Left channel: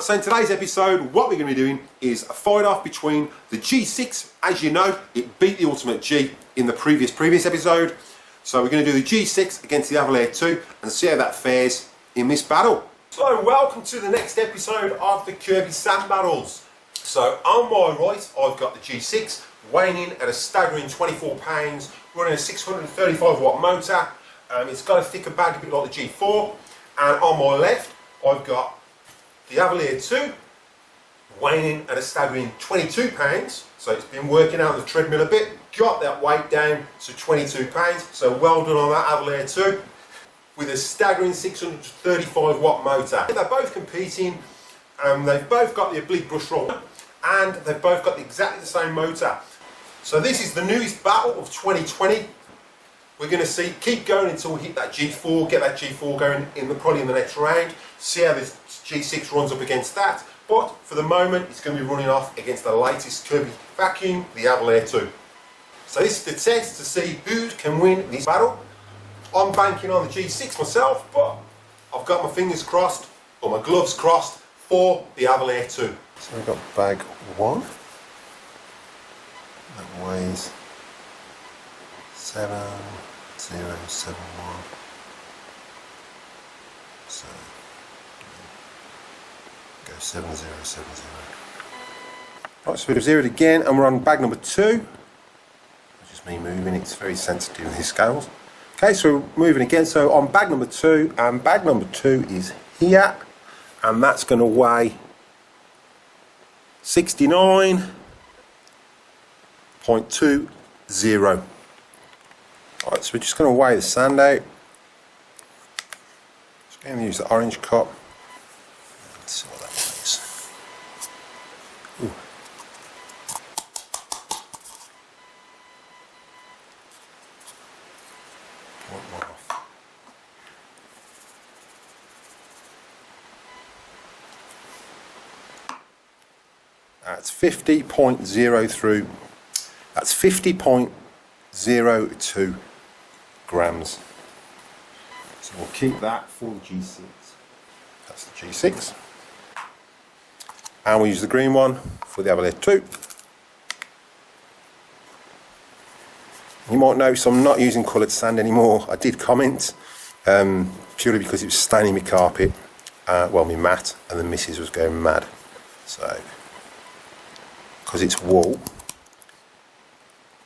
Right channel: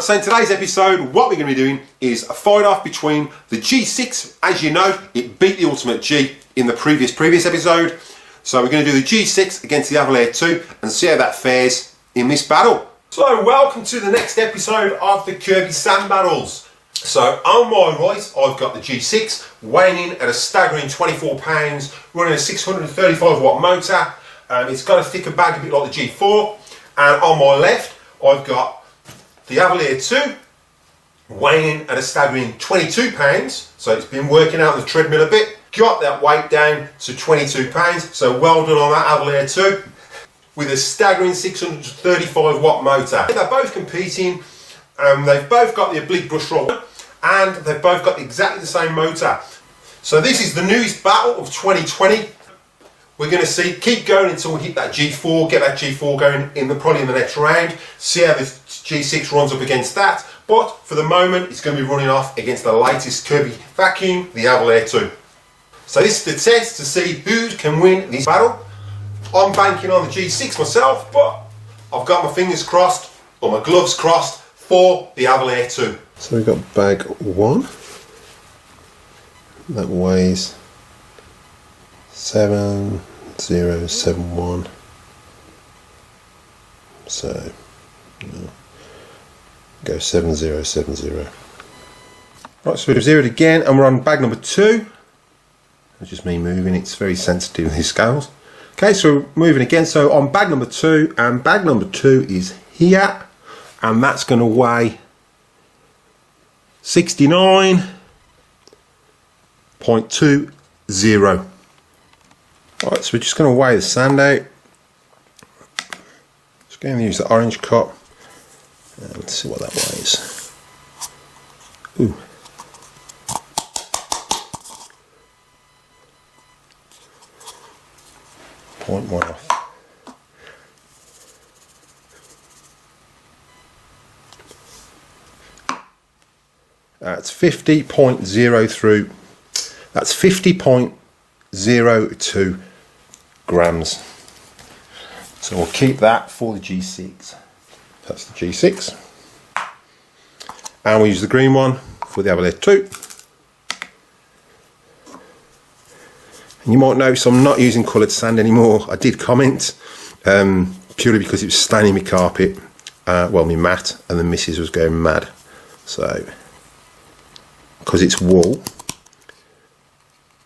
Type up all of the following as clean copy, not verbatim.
So in today's episode, what we're going to be doing is a fight off between the G6. As you know, it beat the Ultimate G in the previous episode. So we're going to do the G6 against the Avalir 2 and see how that fares in this battle. So welcome to the next episode of the Kirby Sand Battles. So on my right, I've got the G6 weighing in at a staggering 24 pounds, running a 635 watt motor. It's got a thicker bag, a bit like the G4. And on my left, I've got the Avalir 2 weighing in at a staggering 22 pounds. So it's been working out on the treadmill a bit, got that weight down to 22 pounds. So well done on that Avalir 2 with a staggering 635 watt motor. They're both competing. They've both got the Oblique Brush Roll and they've both got exactly the same motor. So this is the newest battle of 2020. We're going to keep going until we hit that G4, get that G4 going probably in the next round, see how the G6 runs up against that. But for the moment, it's going to be running off against the latest Kirby Vacuum, the Avalir 2. So this is the test to see who can win this battle. I'm banking on the G6 myself, but I've got my fingers crossed, or my gloves crossed, for the Avalir 2. So we've got bag 1, that weighs 7071, so go 7070. Right, so we've zeroed again and we're on bag number 2, which is me moving. It's very sensitive with these scales. Okay, so we're moving again, so on bag number 2, and bag number 2 is here, and that's going to weigh 69.20. Alright, so we're just going to weigh the sand out. Just going to use the orange cup. Let's see what that weighs. Ooh. Point one off. That's 50.03. That's 50.02 grams. So we'll keep that for the G6. That's the G6. And we'll use the green one for the Avalir 2. You might notice I'm not using coloured sand anymore. I did comment, purely because it was staining my carpet, well, my mat, and the missus was going mad. So, because it's wool,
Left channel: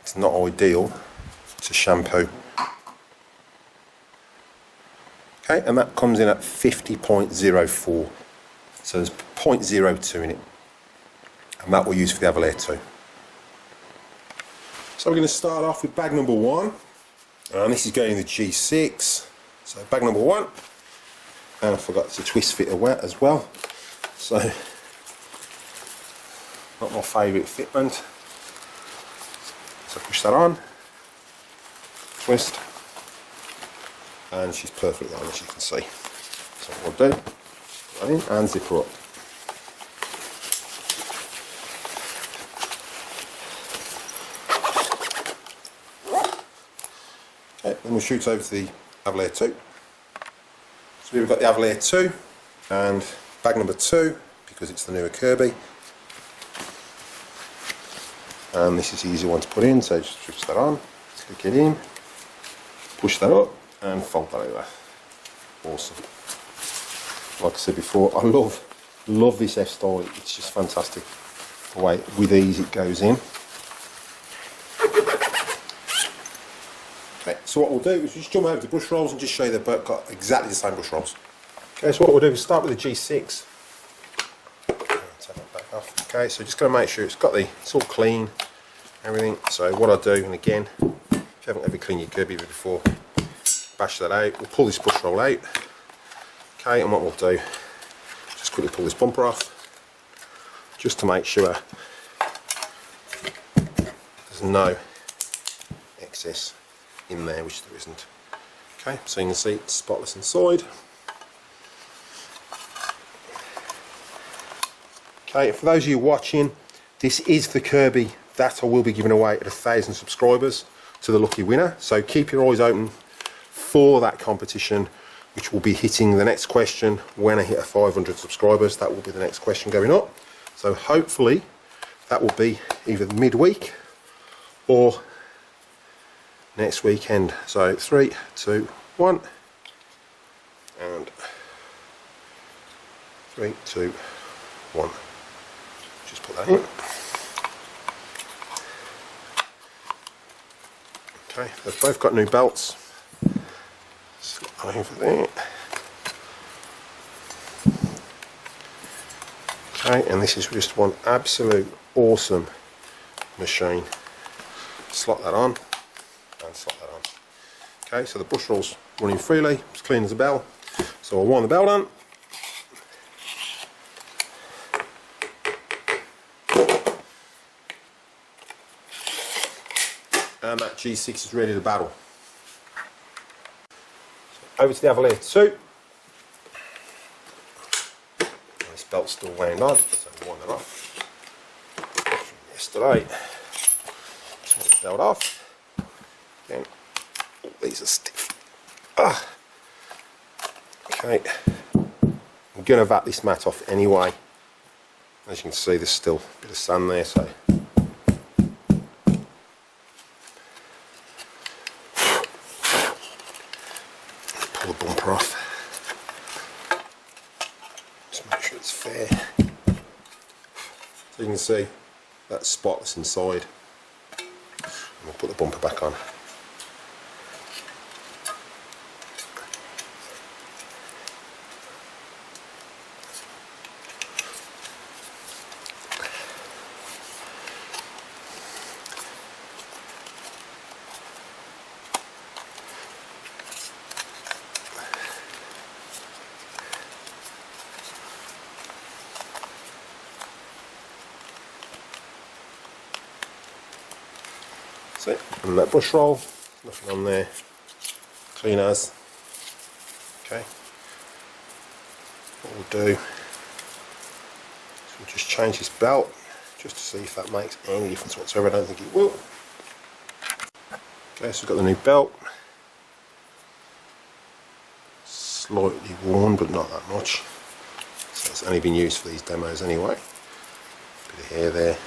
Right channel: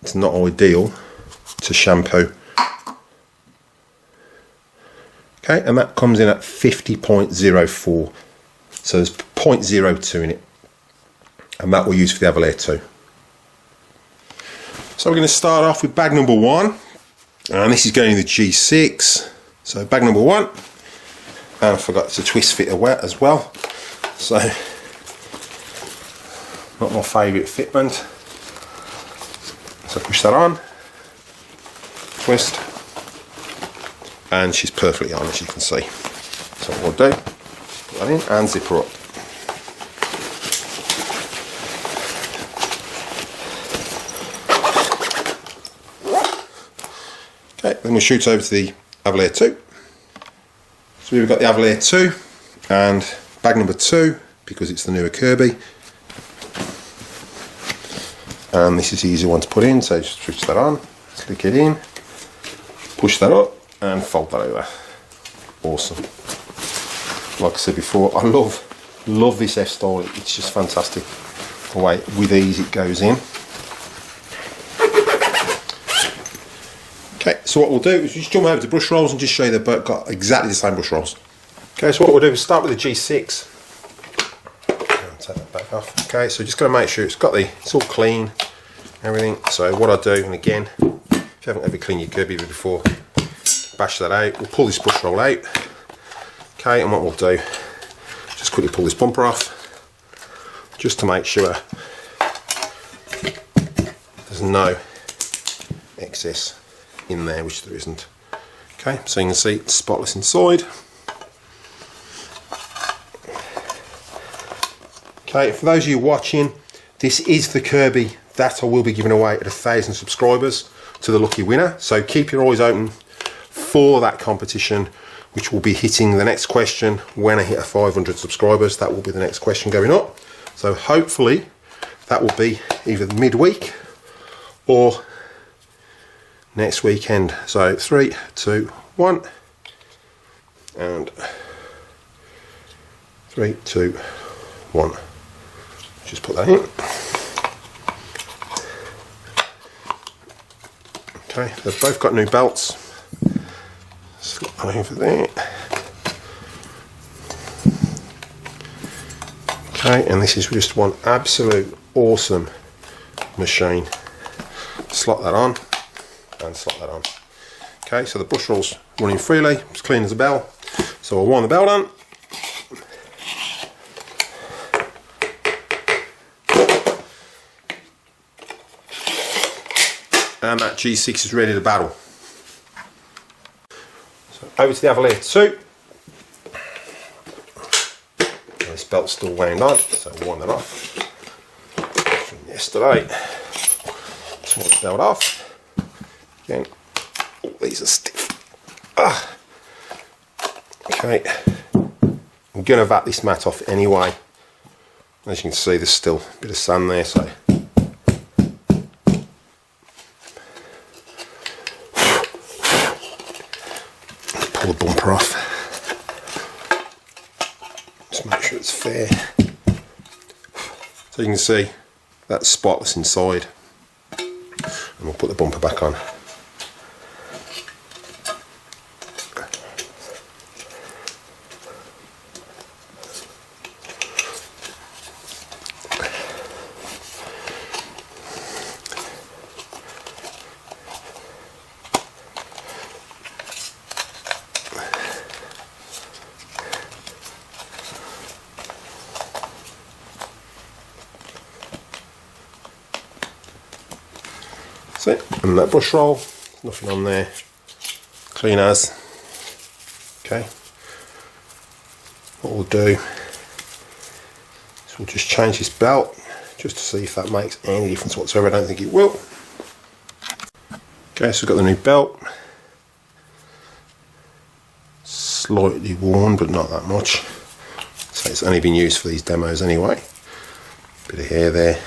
it's not ideal to shampoo. Okay, and that comes in at 50.04. So there's 0.02 in it. And that we'll use for the Avalir 2. So we're going to start off with bag number 1. And this is going in the G6. So bag number 1. And I forgot to twist fit as well. So, not my favourite fitment. So push that on, twist, and she's perfectly on, as you can see. So what we'll do, put that in and zip her up. Okay, then we'll shoot over to the Avalir 2. So we've got the Avalir 2 and bag number 2, because it's the newer Kirby. And this is the easy one to put in, so just switch that on, click it in, push that up and fold that over. Awesome. Like I said before, I love this F-style, it's just fantastic the way with ease it goes in. Okay, so what we'll do is just jump over to brush rolls and just show you they've both got exactly the same brush rolls. Okay, so what we'll do is start with the G6. Take that back off. Okay, so just going to make sure it's all clean, everything. So what I do, and again, if you haven't ever cleaned your Kirby before, bash that out. We'll pull this brush roll out. Okay, and what we'll do, just quickly pull this bumper off, just to make sure there's no excess in there, which there isn't. Okay, so you can see it's spotless inside. Okay, for those of you watching, this is the Kirby that I will be giving away at 1,000 subscribers to the lucky winner. So keep your eyes open for that competition. which will be hitting the next question when I hit 500 subscribers. That will be the next question going up. So hopefully that will be either midweek or next weekend. So 3, 2, 1, and 3, 2, 1. Just put that in. Okay, they've both got new belts. Slip that over there. Okay, and this is just one absolute awesome machine. Slot that on and slot that on. Okay, so the brush roll's running freely, it's clean as a bell. So I'll wind the belt on. And that G6 is ready to battle. So over to the Avalir 2. This belt's still wound on, so I'll wind it off. From yesterday. Just wind the belt off. Again, all these are stiff. Okay, I'm going to vac this mat off anyway. As you can see, there's still a bit of sand there, so pull the bumper off. Just make sure it's fair. So you can see that spot that's inside. And we'll put the bumper back on. That's it, and that brush roll, nothing on there, clean as. Okay, what we'll do is we'll just change this belt just to see if that makes any difference whatsoever. I don't think it will. Okay, so we've got the new belt, slightly worn but not that much, so it's only been used for these demos anyway. Bit of hair there.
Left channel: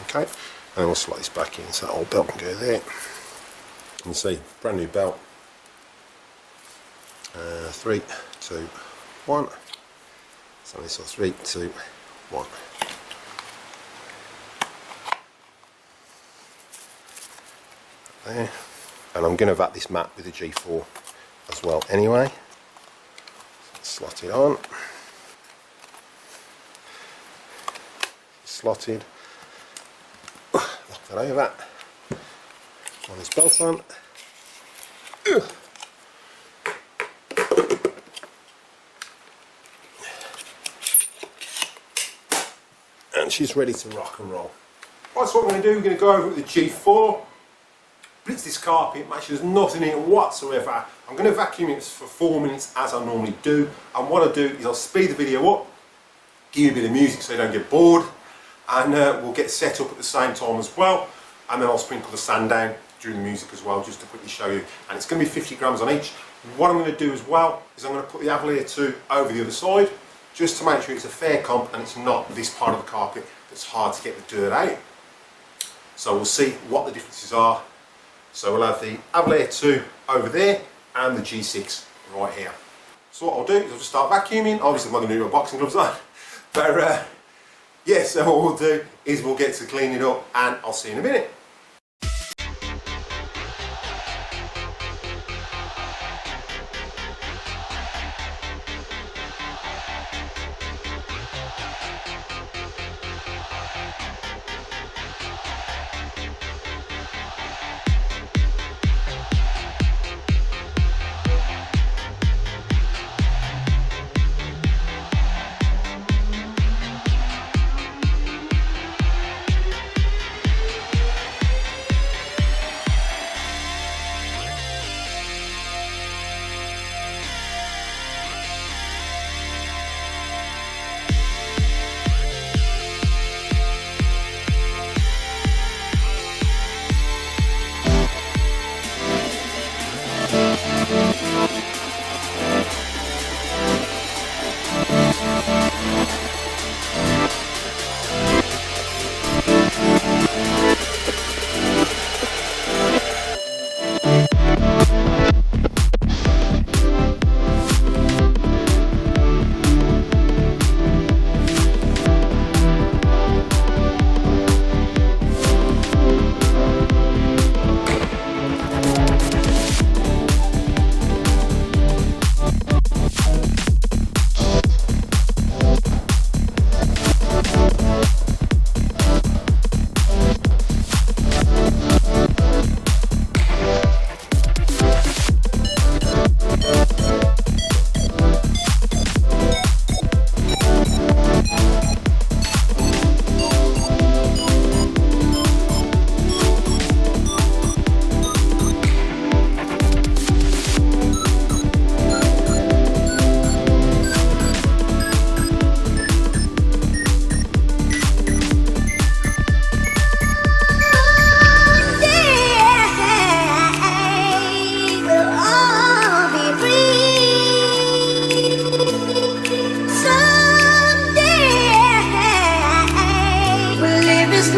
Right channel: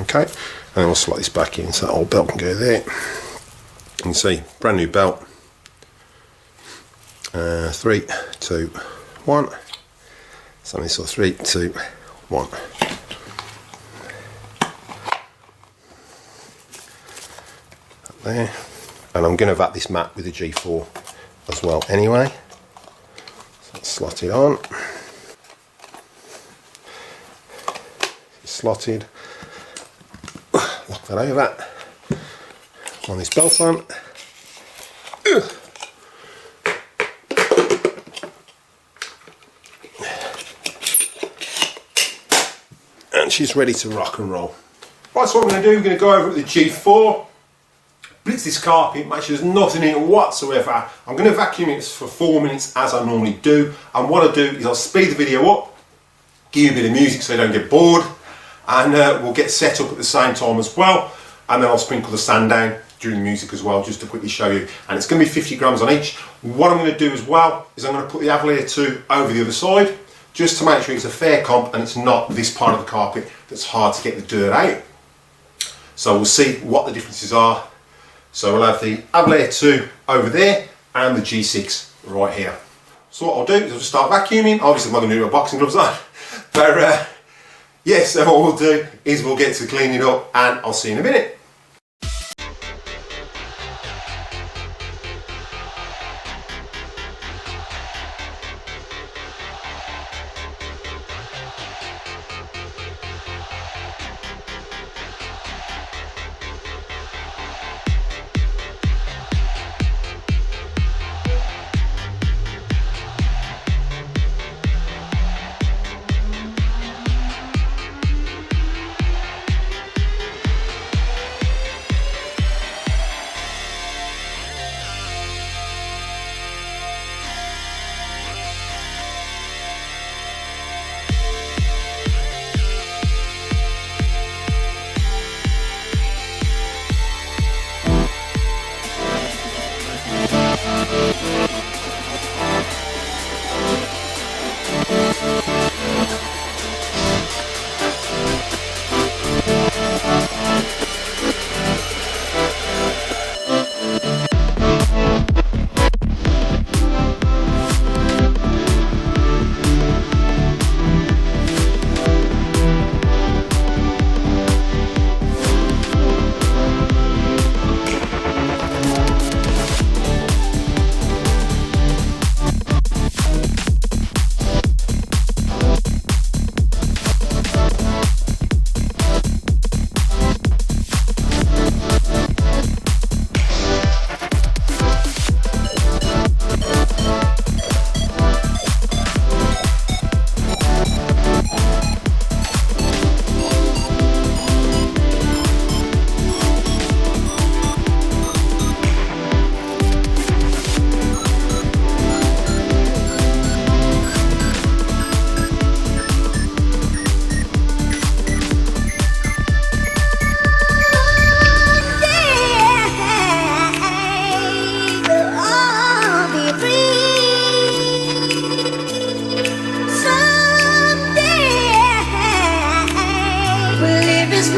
Okay, and then we'll slot this back in so that old belt can go there. You can see, brand new belt. 3, 2, 1. Something so 3, 2, 1. There. And I'm going to vac this mat with the G4 as well anyway. So let's slot it on. It's slotted. Lock that over. On this belt on. And she's ready to rock and roll. Right, so what I'm going to do, we're going to go over with the G4, blitz this carpet, make sure there's nothing in it whatsoever. I'm going to vacuum it for 4 minutes as I normally do, and what I'll do is I'll speed the video up, give you a bit of music so you don't get bored, and we'll get set up at the same time as well, and then I'll sprinkle the sand down during the music as well, just to quickly show you. And it's going to be 50 grams on each. What I'm going to do as well is I'm going to put the Avalir 2 over the other side, just to make sure it's a fair comp and it's not this part of the carpet that's hard to get the dirt out. So we'll see what the differences are. So we'll have the Avalir 2 over there and the G6 right here. So what I'll do is I'll just start vacuuming. Obviously I'm not going to do my boxing gloves on, but yes, so what we'll do is we'll get to cleaning up, and I'll see you in a minute.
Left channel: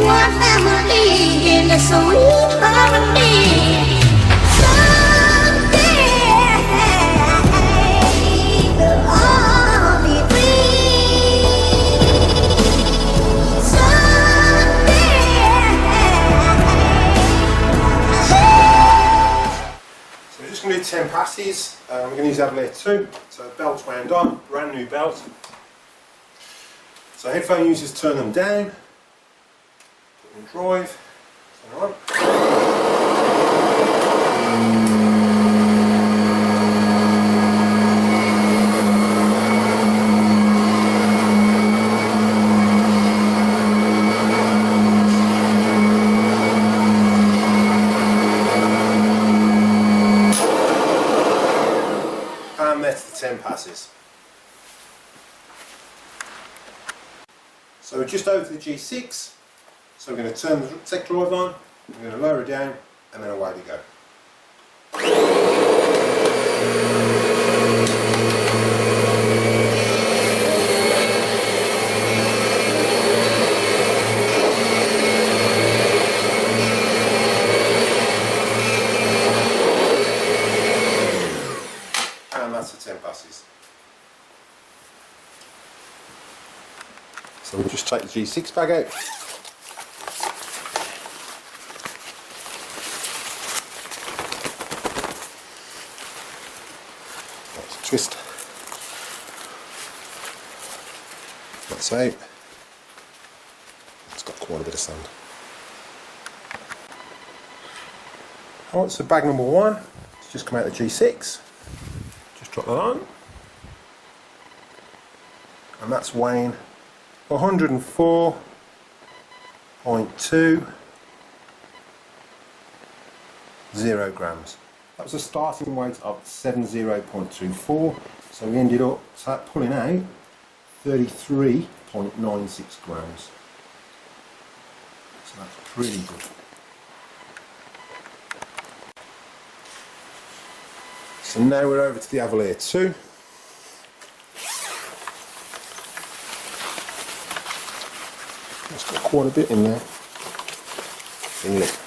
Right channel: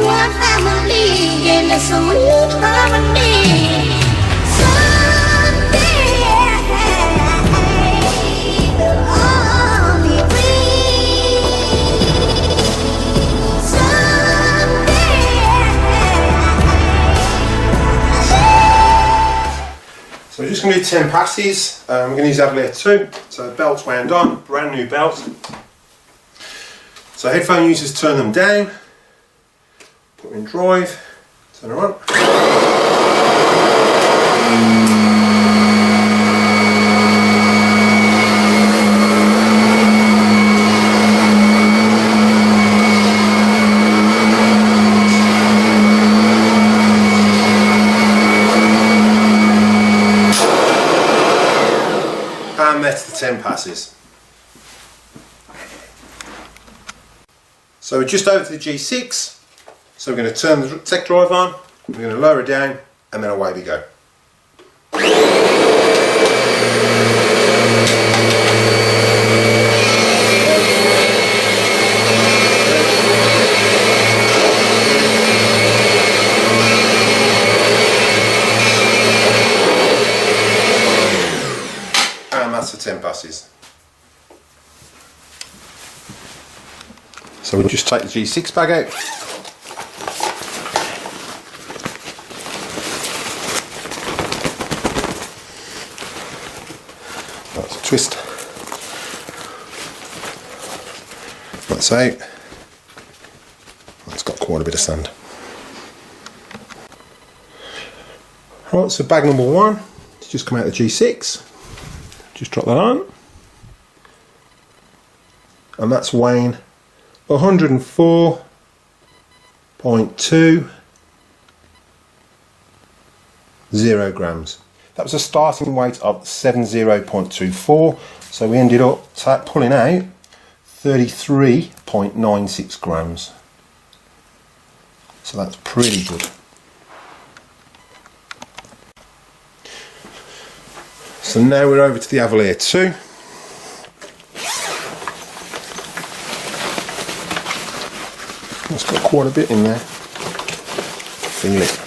one family in a sweet harmony. Someday we'll all be free. So we're just going to do 10 passes. We're going to use Avalir 2. So belt's wound on, brand new belt. So headphone users turn them down, put them in drive, turn them on. And that's the 10 passes. So we're just over to the G6, so we're going to turn the tech drive on, we're going to lower it down, and then away we go. And that's the 10 passes. So we'll just take the G6 bag out. That's a twist. That's out. That's got quite a bit of sand. Right, so bag number one, it's just come out of the G6. Just drop that on. And that's weighing 104.20 grams. That was a starting weight of 70.24, so we ended up pulling out 33.96 grams. So that's pretty good. So now we're over to the Avalir 2. It's got quite a bit in there. Feel it.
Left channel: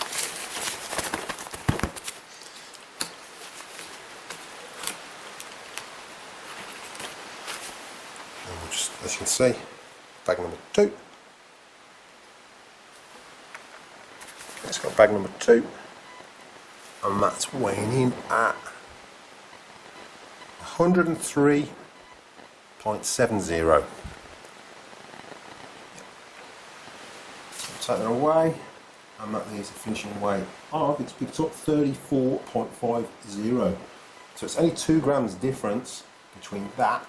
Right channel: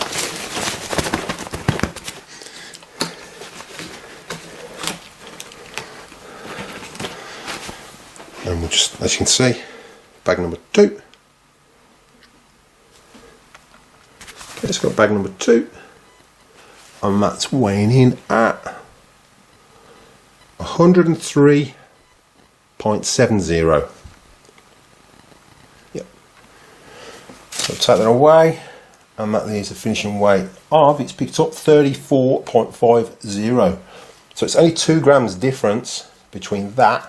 And we'll just, as you can see, bag number 2. Okay, it's got bag number 2. And that's weighing in at 103.70. So take that away, and that is the finishing weight of, it's picked up 34.50. So it's only 2 grams difference between that,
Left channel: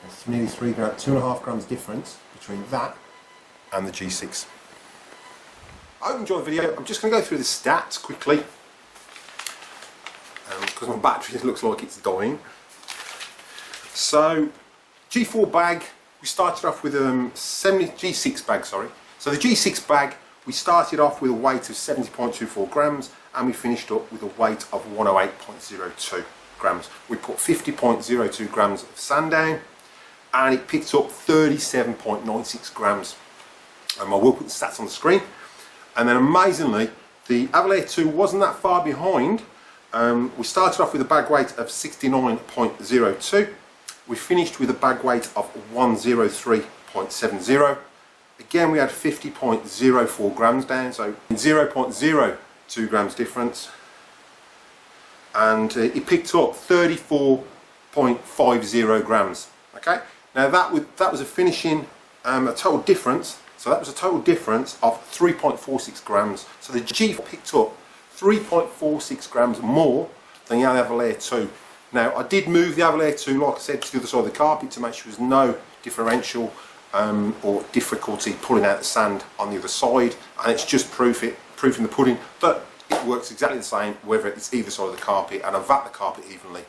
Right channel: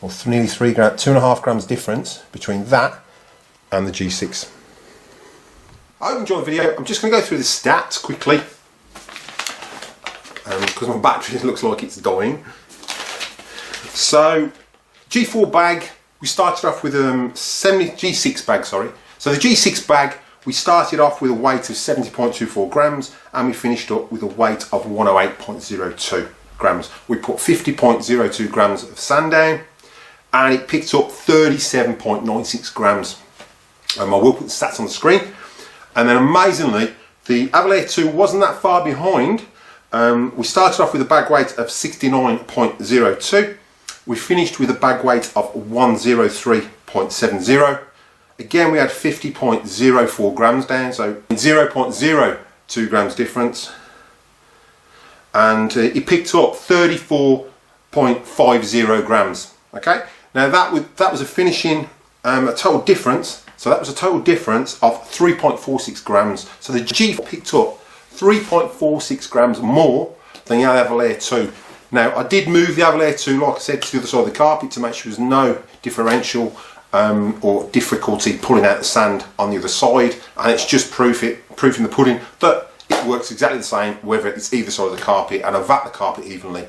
or nearly 3 grams, 2.5 grams difference between that and the G6. I hope you enjoyed the video. I'm just going to go through the stats quickly, because my battery looks like it's dying. So G4 bag, we started off with G6 bag, sorry. So the G6 bag, we started off with a weight of 70.24 grams and we finished up with a weight of 108.02 grams. We put 50.02 grams of sand down, and it picked up 37.96 grams. I will put the stats on the screen. And then amazingly, the Avalir 2 wasn't that far behind. We started off with a bag weight of 69.02. We finished with a bag weight of 103.70. Again, we had 50.04 grams down, so 0.02 grams difference. And it picked up 34.50 grams. Okay, now that was a finishing, a total difference. So that was a total difference of 3.46 grams. So the G4 picked up 3.46 grams more than the Avalir 2. Now I did move the Avalir 2, like I said, to the other side of the carpet to make sure there was no differential or difficulty pulling out the sand on the other side, and it's just proof in the pudding that it works exactly the same whether it's either side of the carpet, and I vat the carpet evenly.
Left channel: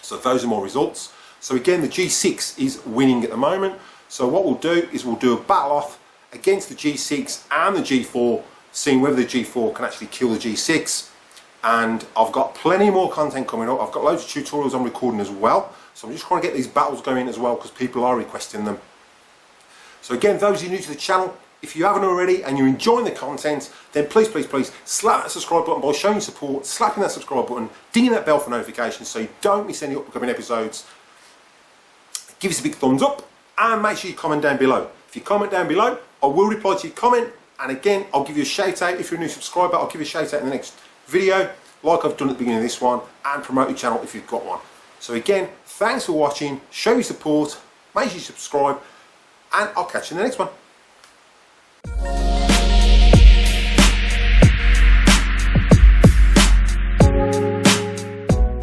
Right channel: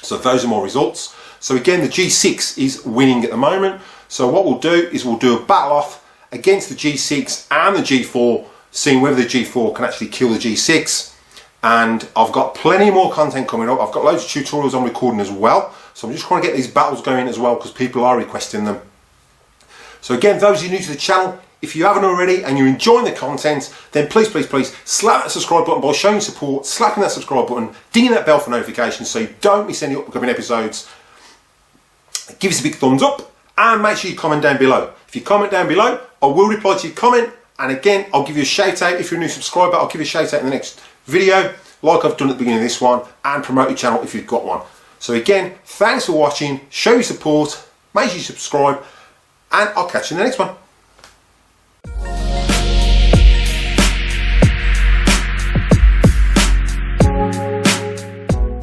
So those are my results. So again, the G6 is winning at the moment. So what we'll do is we'll do a battle off against the G6 and the G4, seeing whether the G4 can actually kill the G6. And I've got plenty more content coming up. I've got loads of tutorials I'm recording as well, so I'm just trying to get these battles going as well because people are requesting them. So again, those of you new to the channel, if you haven't already and you're enjoying the content, then please slap that subscribe button by showing support, slapping that subscribe button, dinging that bell for notifications so you don't miss any upcoming episodes. Give us a big thumbs up and make sure you comment down below. If you comment down below, I will reply to your comment, and again, I'll give you a shout out. If you're a new subscriber, I'll give you a shout out in the next video, like I've done at the beginning of this one, and promote your channel if you've got one. So again, thanks for watching, show your support, make sure you subscribe, and I'll catch you in the next one.